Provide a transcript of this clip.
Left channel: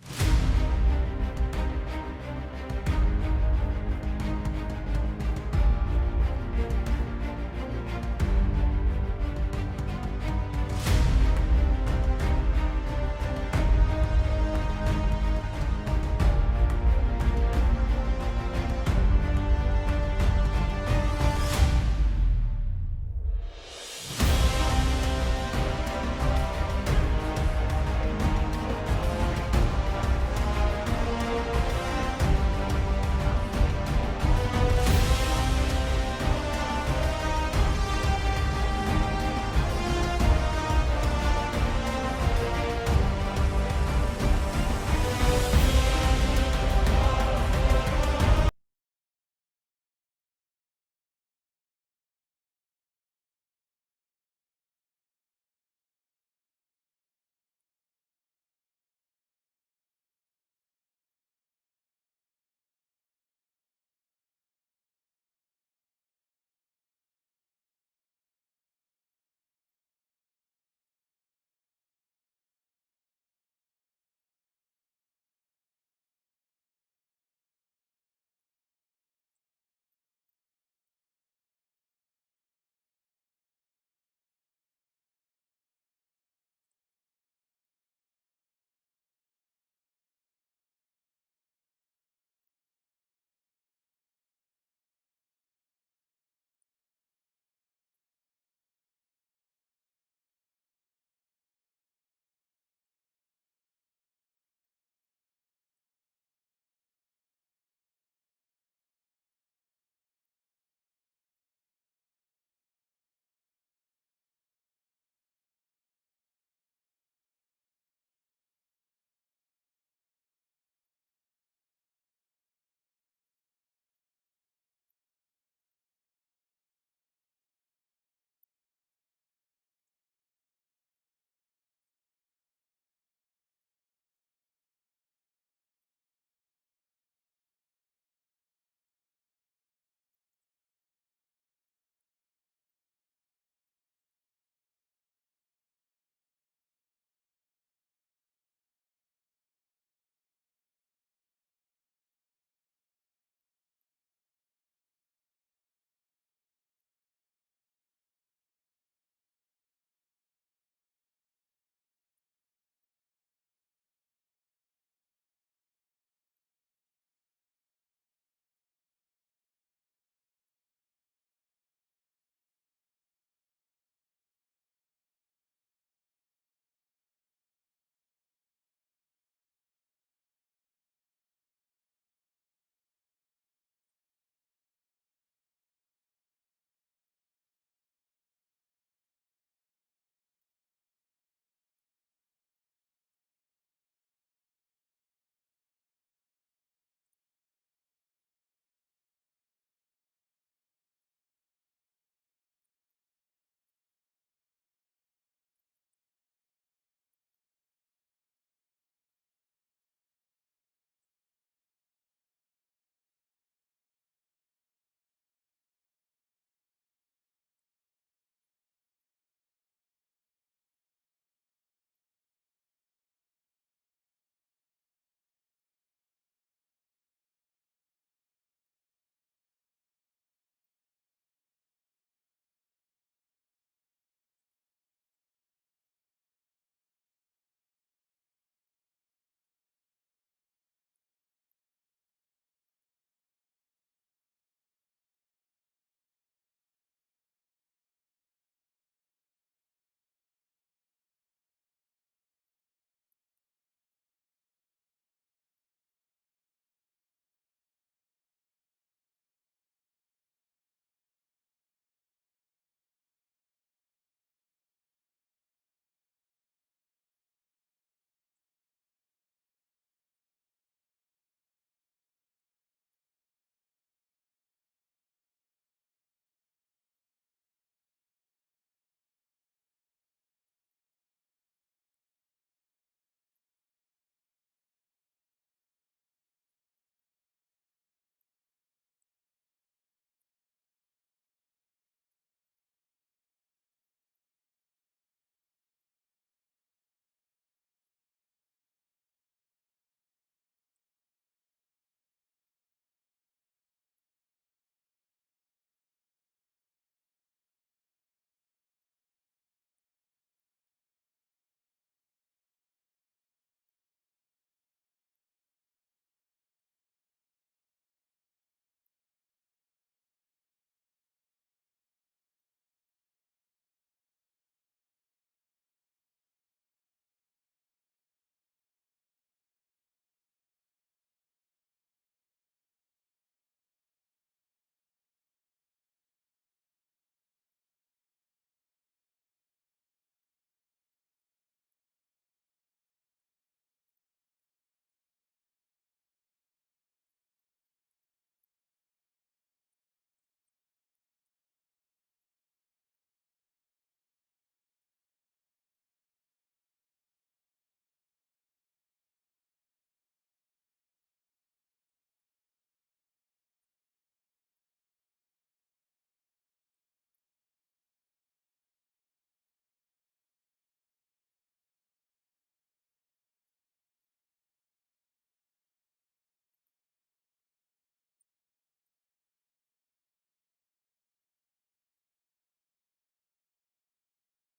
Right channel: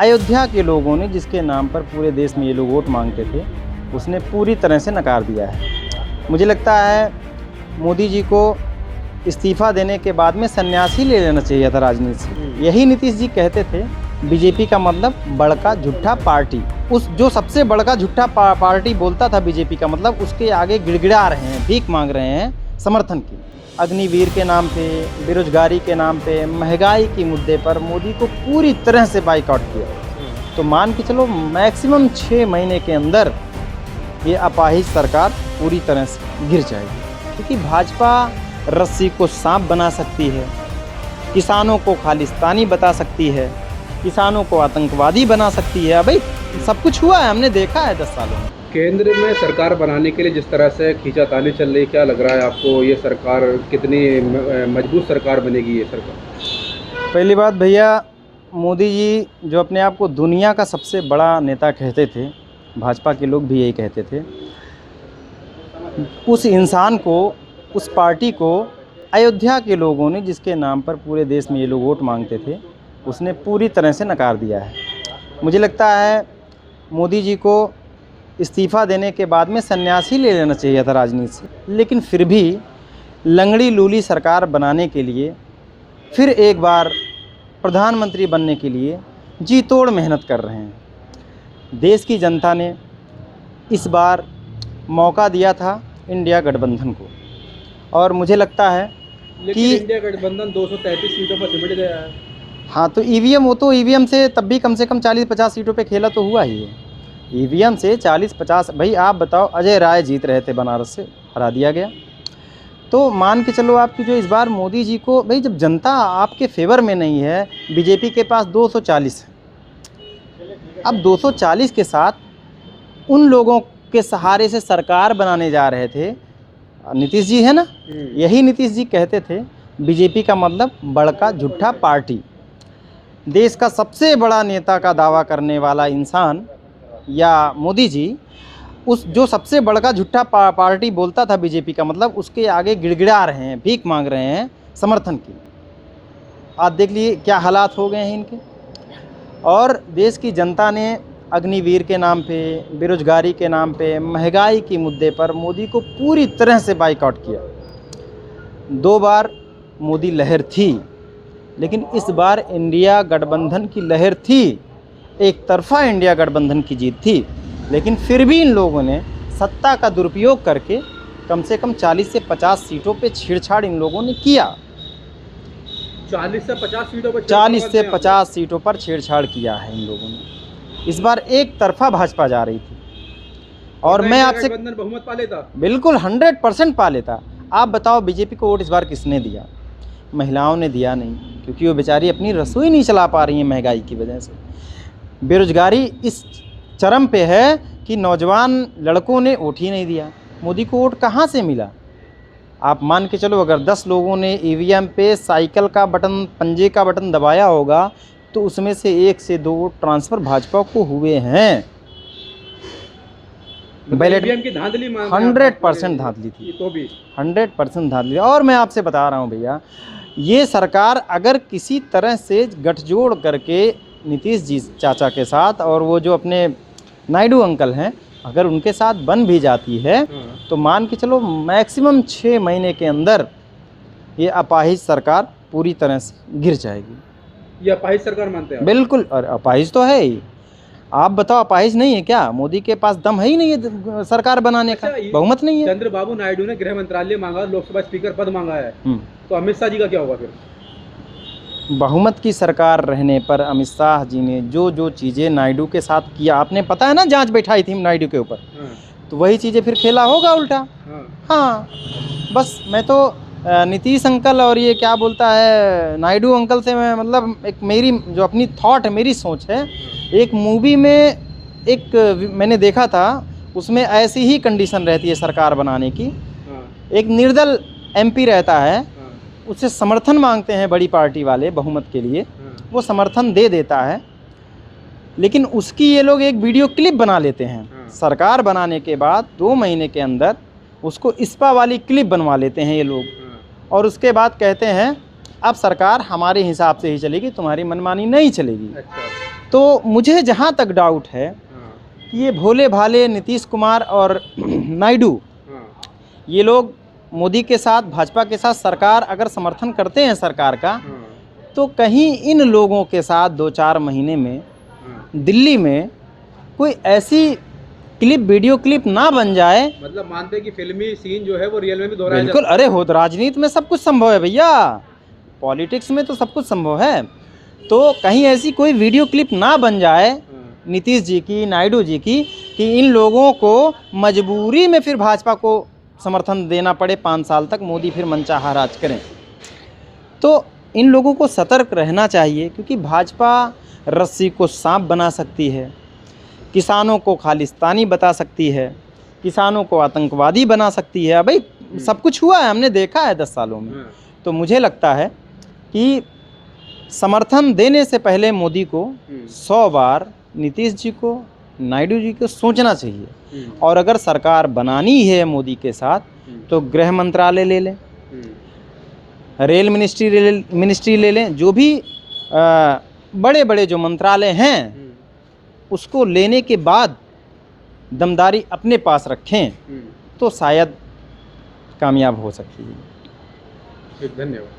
अयोध्या के लोगों ने जिसके नाम पर पूरे देश में ये लोग वोट मांगते थे, उसने पूरी तरह से नकार दिया है। मुझे लगता है मोदी जी को इस्तीफा देने के बाद में सन्यास ही ले लेना चाहिए था राजनीति से। यही नीतीश जी कहते थे, बीजेपी का मतलब बड़का झूठा पार्टी। उस जो सबसे बड़का झूठा पार्टी बोलता था बीजेपी का मतलब, उसके आगे गिड़गिड़ा रहे हैं, भीख मांग रहे हैं समर्थन की। अग्निवीर के नाम पे, बेरोजगारी के नाम पे, महंगाई के मुद्दे पर मोदी को पूरी तरह से बाइकआउट किया। तो मान के चलो मैक्सिमम 6 महीने के अंदर ये अपाहिज सरकार पूरी तरह से गिर जाएगी, क्योंकि भाजपा रस्सी को सांप बना सकती है, किसानों को खालिस्तानी बता सकती है, किसानों को आतंकवादी बना सकती है। भाई सब कुछ हुआ है, हमने देखा है 10 साल में। केंद्र में सरकार बनाने के लिए जिस तरह से खींचातानी चल रही, क्या लग रहा है आपको, ये सरकार कितनी मजबूत सरकार बनेगी ये सरकार? पहली बात भैया, मोदी जी जो अपने आप को दुनिया का सबसे बड़ा नेता कहते थे, भाजपा के लोग भी यही कहते थे, उस इंसान को, उस पार्टी को अयोध्या के लोगों ने जिसके नाम पर पूरे देश में ये लोग वोट मांगते थे, उसने पूरी तरह से नकार दिया है। मुझे लगता है मोदी जी को इस्तीफा देने के बाद में सन्यास ही ले लेना चाहिए था राजनीति से। लेकिन फिर भी लंगड़ी लूली सरकार बनाने के लिए, फिर एक बार प्रधानमंत्री बनने के लिए जी तोड़ मेहनत कर रहे हैं। देश की जनता ने इस बार मौका दिया था इंडिया गठबंधन को, और मुझे लगता है कि इंडिया गठबंधन 233 सीटों पर सिमट गया है। हाँ, तो ईवीएम, वो तो ईवीएम से तब भी कम से कम 40-50 सीटों पे खेला तो हुआ ही है। ईवीएम से 40-50, भाई आप बताओ, अजय राय जीत रहे थे बनारस से, हरा दिया गया। तो मान के चलो आपकी जो इस बार मोदी जी को, भाई जब जनता आपके फेवर में नहीं है, बीजेपी के पास 240 है, अब 240 के साथ उन लोगों के सहारे से सरकार बनाने जा रहे थे, नीतीश जी है ना, यही नीतीश जी कहते थे, बीजेपी का मतलब बड़का झूठा पार्टी। देश का सबसे बड़ा नेता का दावा करने वाला इंसान या मोदी जी, उस जो सबसे बड़का झूठा पार्टी बोलता था बीजेपी का मतलब, उसके आगे गिड़गिड़ा रहे हैं, भीख मांग रहे हैं समर्थन की। आज देख लीजिए क्या हालात हो गए हैं इनके। और देश की जनता ने अग्निवीर के नाम पे, बेरोजगारी के नाम पे, महंगाई के मुद्दे पर मोदी को पूरी तरह से बाइकआउट किया। 2 बार मोदी लहर थी, लेकिन इस बार इंडिया गठबंधन की लहर थी, एक तरफा इंडिया गठबंधन की जीत थी। लेकिन फिर भी इन लोगों ने सत्ता का दुरुपयोग करके कम से कम 40 से 50 सीटों पे छेड़छाड़ इन लोगों ने किया। 40 से 50 सीटों पर 40 से 50 सीटों पर छेड़छाड़ किया है इन लोगों ने। इस बार एक तरफा भाजपा जा रही थी, और मैं आपसे बहुमत पा लेता, बिल्कुल 100% पा लेता। आप बताओ बीजेपी को वोट इस बार किसने दिया? महिलाओं ने दिया नहीं, क्योंकि वो बेचारी अपनी रसोई नहीं चला पा रही हैं महंगाई की वजह से। बेरोजगारी इस चरम पे है कि नौजवान लड़कों ने वोट ही नहीं दिया। मोदी को वोट कहाँ से मिला? आप मान के चलो, अगर 10 लोगों ने ईवीएम पे साइकिल का बटन, पंजे का बटन दबाया होगा, तो उसमें से 1 से 2 वोट ट्रांसफ़र भाजपा को हुए हैं। बैलेट की धांधली 100% धांधली थी, तो भी 100% धांधली। और मैं आपसे बता रहा हूँ भैया, ये सरकार अगर किसी तरह से गठजोड़ करके नीतीश जी चाचा के साथ, और वो जो अपने नायडू अंकल हैं, अगर उनके साथ बन भी जाती है, तो मान के चलो मैक्सिमम 6 महीने के अंदर ये अपाहिज सरकार पूरी तरह से गिर जाएगी। ये अपाहिज सरकार मानते हैं? बिल्कुल, और अपाहिज तो है ही। आप बताओ, अपाहिज नहीं है क्या? मोदी के पास दम है ही नहीं है सरकार बनाने का, बहुमत नहीं है। चंद्रबाबू नायडू ने गृह मंत्रालय मांगा, लोकसभा स्पीकर पद मांगा है, तो अमित शाह जी का क्या होगा फिर? बहुमत की सरकार रहने पर अमित शाह जी ने जो जो चीज़ें नायडू के साथ किया, आपने पता है ना, जांच बैठाई थी नायडू के ऊपर, तो वही चीज़ें फिर खेला होगा उल्टा। हाँ, बस मैं तो नीतीश अंकल और ये क्या बोलता है नायडू अंकल से, मैं मतलब एक मेरी जो अपनी थॉट है, मेरी सोच है, एक मूवी में एक मैंने देखा था, उसमें ऐसी ही कंडीशन रहती है सरकार बनाने की। एक निर्दल एमपी रहता है, उससे समर्थन मांगते हैं बड़ी पार्टी वाले बहुमत के लिए, वो समर्थन दे देता है, लेकिन उसकी ये लोग एक वीडियो क्लिप बना लेते हैं। सरकार बनाने के बाद 2 महीने के अंदर उसको इस्पा वाली क्लिप बनवा लेते हैं ये लोग, और उसके बाद कहते हैं अब सरकार हमारे हिसाब से ही चलेगी, तुम्हारी मनमानी नहीं चलेगी। अच्छा। तो मुझे जहाँ तक डाउट है हाँ, कि ये भोले भाले नीतीश कुमार और नायडू, हाँ, ये लोग मोदी के साथ, भाजपा के साथ सरकार अगर समर्थन करते हैं सरकार का, हाँ, तो कहीं इन लोगों के साथ 2-4 महीने में हाँ। दिल्ली में कोई ऐसी क्लिप, वीडियो क्लिप ना बन जाए। मतलब मानते हैं कि फिल्मी सीन जो है वो रियल में भी दोहराया जा बिल्कुल, सकता अरे है। हो तो राजनीति में सब कुछ संभव है भैया, पॉलिटिक्स में तो सब कुछ संभव है। तो कहीं ऐसी कोई वीडियो क्लिप ना बन जाए हाँ, नीतीश जी की, नायडू जी की, कि इन लोगों को मजबूरी में फिर भाजपा को समर्थन देना पड़े 5 साल तक, मोदी फिर मनचाहा राज करें। तो इन लोगों को सतर्क रहना चाहिए, क्योंकि भाजपा रस्सी को सांप बना सकती है, किसानों को खालिस्तानी बता सकती है, किसानों को आतंकवादी बना सकती है। भाई सब कुछ हुआ है, हमने देखा है 10 सालों में। हाँ, तो मुझे लगता है कि समर्थन देने से पहले मोदी को 100 बार नीतीश जी को, नायडू जी को सोचना चाहिए। और अगर सरकार बनानी है मोदी के साथ, तो गृह मंत्रालय ले लें, रेल मिनिस्ट्री ले लें, जो भी बड़े बड़े जो मंत्रालय हैं, उसको लेने के बाद दमदारी अपने पास रखें, तो शायद कामयाब हो सकती है। ठीक, धन्यवाद।